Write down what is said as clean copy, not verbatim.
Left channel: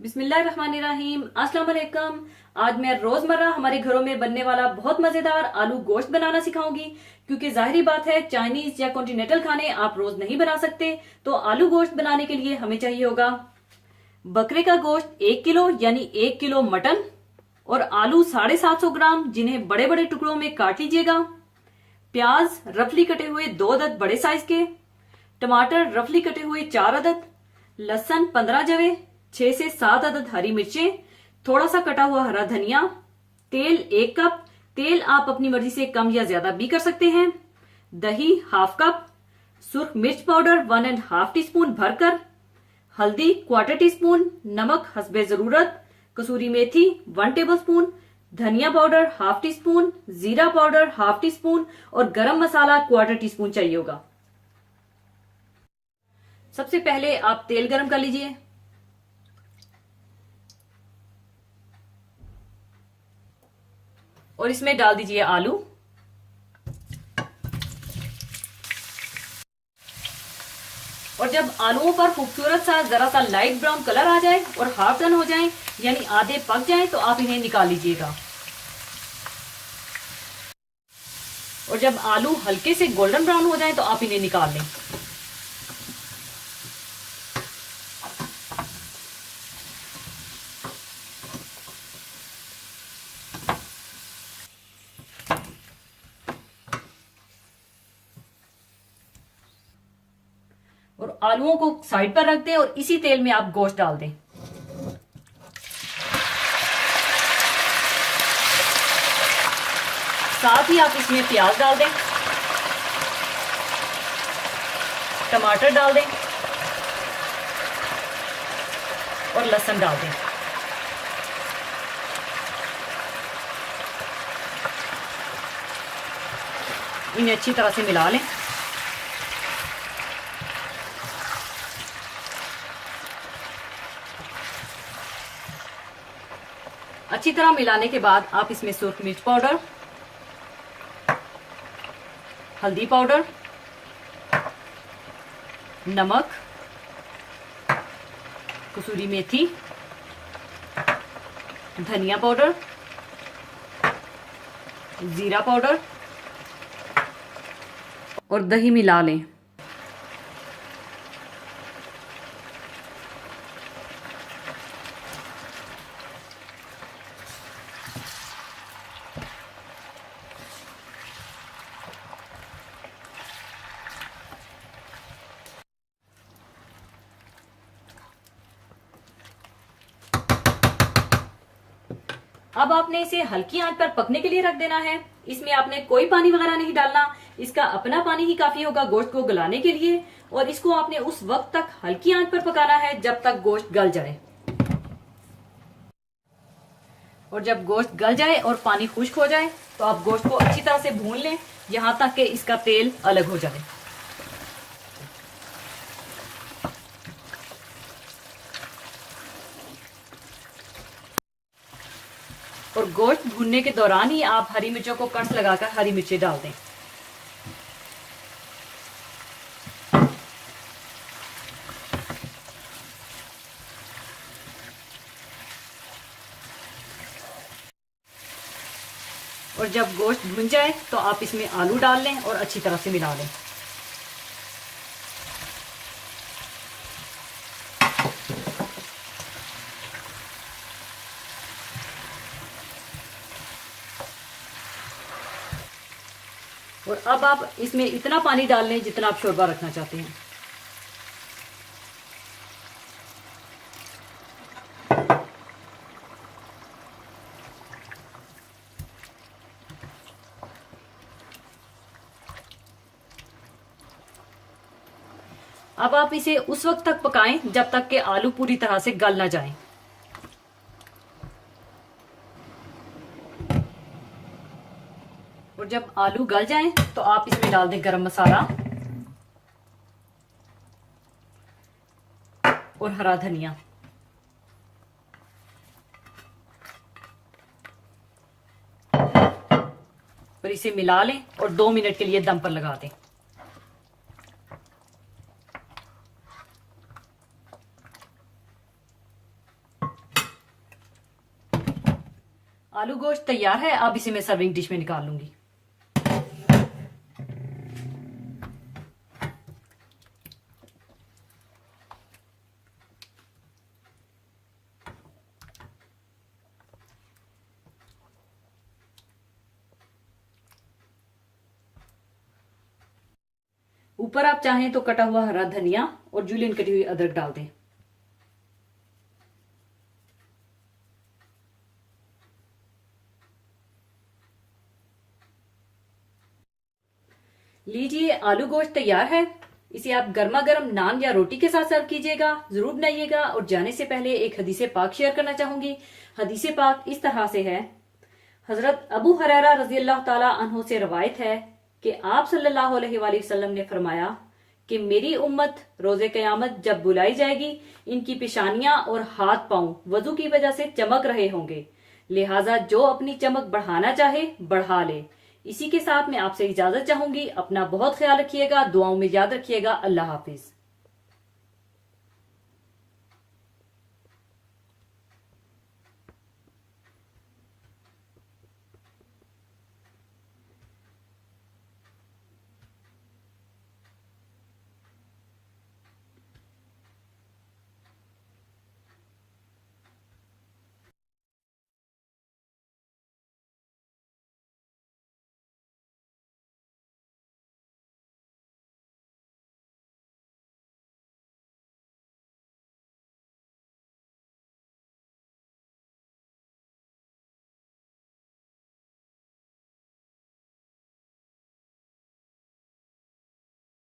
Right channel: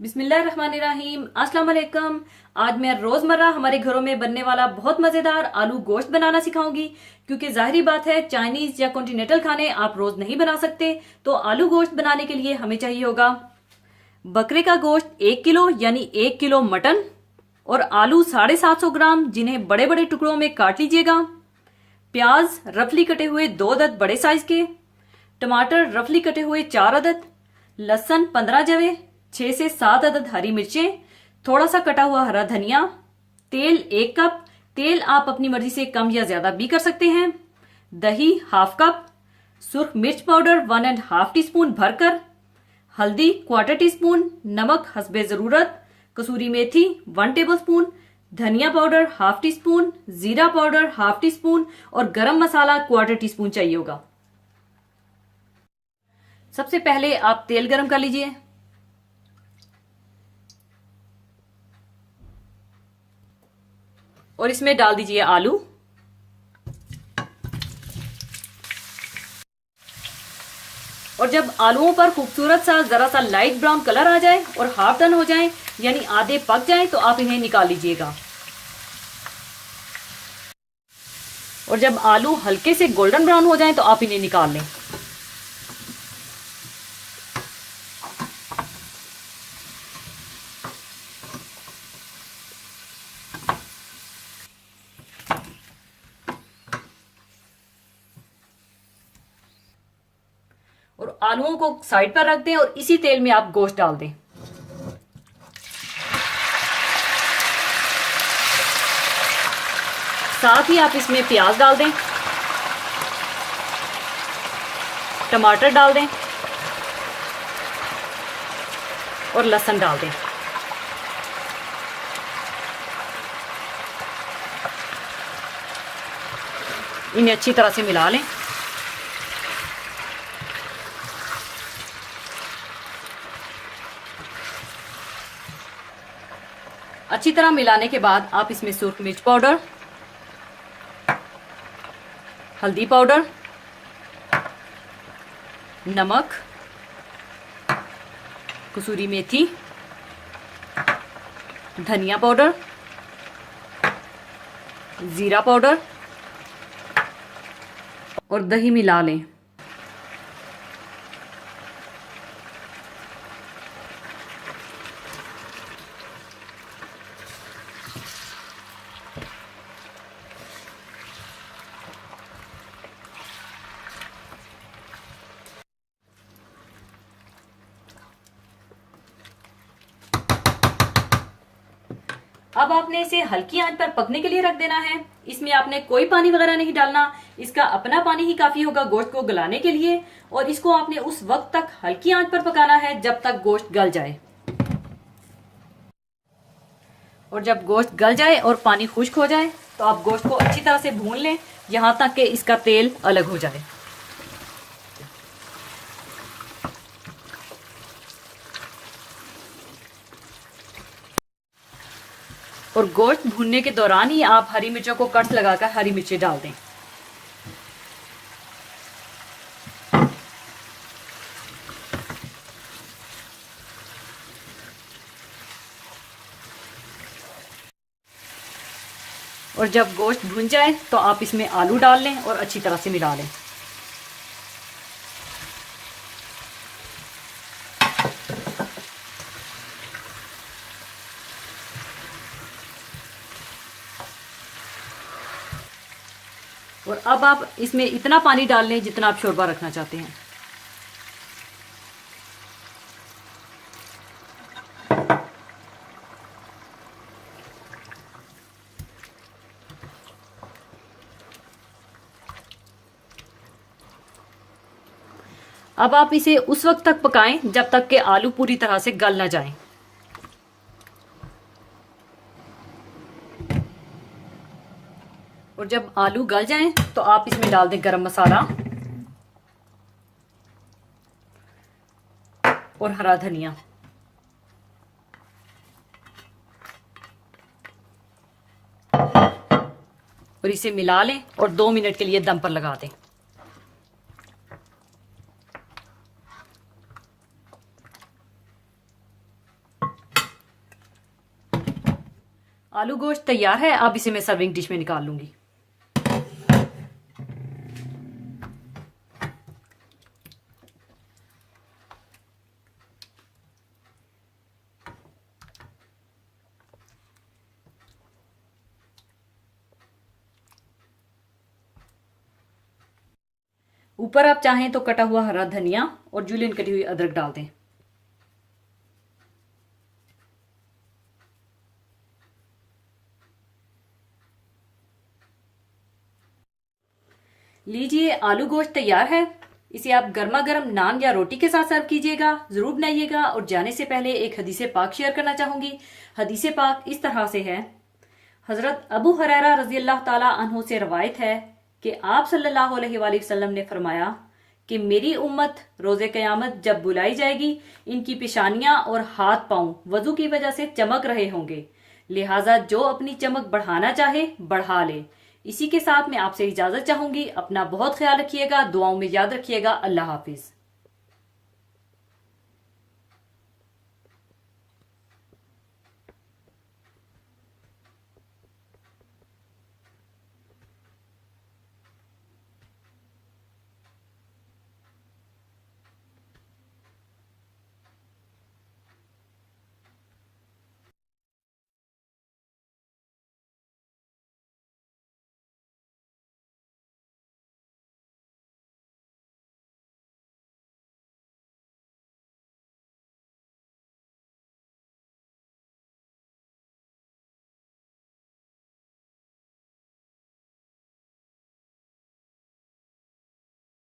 बिस्मिल्लाहिर्रहमानिर्रहीम। अस्सलाम वालेकुम। आज मैं रोजमर्रा हमारे घरों में बनने वाला बहुत मजेदार आलू गोश्त बनाना सिखाऊंगी। क्योंकि जाहिर बात है चाइनीज या कॉन्टिनेंटल खाने आप रोज नहीं बना सकते, तो आलू गोश्त बनाने के लिए हमें चाहिए होगा बकरे का गोश्त 1 किलो यानी 1 किलो मटन, और आलू 750 ग्राम जिन्हें बड़े बड़े टुकड़ों में काट लीजिएगा। प्याज रफली कटे हुए 2 अदद बड़े साइज के, टमाटर रफली कटे हुए 4 अदद, लहसुन 15 जवे, 6 से 7 अदद हरी मिर्चें, थोड़ा सा कटा हुआ हरा धनिया, तेल 1 कप। तेल आप अपनी मर्जी से कम या ज्यादा भी कर सकते हैं। दही हाफ कप, सुर्ख मिर्च पाउडर 1.5 टीस्पून भरकर, हल्दी 1/4 टीस्पून, नमक हस्बे जरूरत, कसूरी मेथी 1 टेबलस्पून, धनिया पाउडर हाफ टीस्पून, जीरा पाउडर हाफ टीस्पून और गरम मसाला 1/4 टीस्पून चाहिए होगा। सबसे पहले आप तेल गरम कर लीजिए। और इसमें डाल दीजिए आलू। और जब आलूओं पर खूबसूरत सा जरा सा लाइट ब्राउन कलर आ जाए और हाफ टर्न हो जाए यानी आधे पक जाए, तो आप इन्हें निकाल लीजिएगा। और जब आलू हल्के से गोल्डन ब्राउन हो जाए तो आप इन्हें निकाल लें। और आलूओं को साइड पर रख दें और इसी तेल में आप गोश्त डाल दें। साथ ही आप इसमें प्याज डाल दें, टमाटर डाल दें और लहसुन डाल दें। इन्हें अच्छी तरह से मिला लें। अच्छी तरह मिलाने के बाद आप इसमें सुर्ख मिर्च पाउडर, हल्दी पाउडर, नमक, कसूरी मेथी, धनिया पाउडर, जीरा पाउडर और दही मिला लें। अब आपने इसे हल्की आंच पर पकने के लिए रख देना है। इसमें आपने कोई पानी वगैरह नहीं डालना, इसका अपना पानी ही काफी होगा गोश्त को गलाने के लिए। और इसको आपने उस वक्त तक हल्की आंच पर पकाना है जब तक गोश्त गल जाए। और जब गोश्त गल जाए और पानी खुश्क हो जाए तो आप गोश्त को अच्छी तरह से भून लें यहां तक कि इसका तेल अलग हो जाए। और गोश्त भूनने के दौरान ही आप हरी मिर्चों को कट लगाकर हरी मिर्चें डाल दें। और जब गोश्त भुन जाए तो आप इसमें आलू डाल लें और अच्छी तरह से मिला लें। और अब आप इसमें इतना पानी डाल लें जितना आप शोरबा रखना चाहते हैं। अब आप इसे उस वक्त तक पकाएं जब तक कि आलू पूरी तरह से गल न जाएं। और जब आलू गल जाएं तो आप इसमें डाल दें गरम मसाला और हरा धनिया। और इसे मिला लें और 2 मिनट के लिए दम पर लगा दें। आलू गोश्त तैयार है। अब इसे मैं सर्विंग डिश में निकाल लूंगी। ऊपर आप चाहें तो कटा हुआ हरा धनिया और जूलियन कटी हुई अदरक डाल दें। लीजिए, आलू गोश्त तैयार है। इसे आप गर्मा गर्म नान या रोटी के साथ सर्व कीजिएगा। जरूर बनाइएगा। और जाने से पहले एक हदीसे पाक शेयर करना चाहूंगी। हदीसे पाक इस तरह से है। हजरत अबू हुरैरा रजी अल्लाह ताला अन्हु से रवायत है कि आप सल्लल्लाहु अलैहि वसल्लम ने फरमाया कि मेरी उम्मत रोजे कयामत जब बुलाई जाएगी, इनकी पेशानियां और हाथ पांव वजू की वजह से चमक रहे होंगे, लिहाजा जो अपनी चमक बढ़ाना चाहे बढ़ा ले। इसी के साथ मैं आपसे इजाजत चाहूंगी। अपना बहुत ख्याल रखिएगा, दुआओं में याद रखिएगा। अल्लाह हाफिज।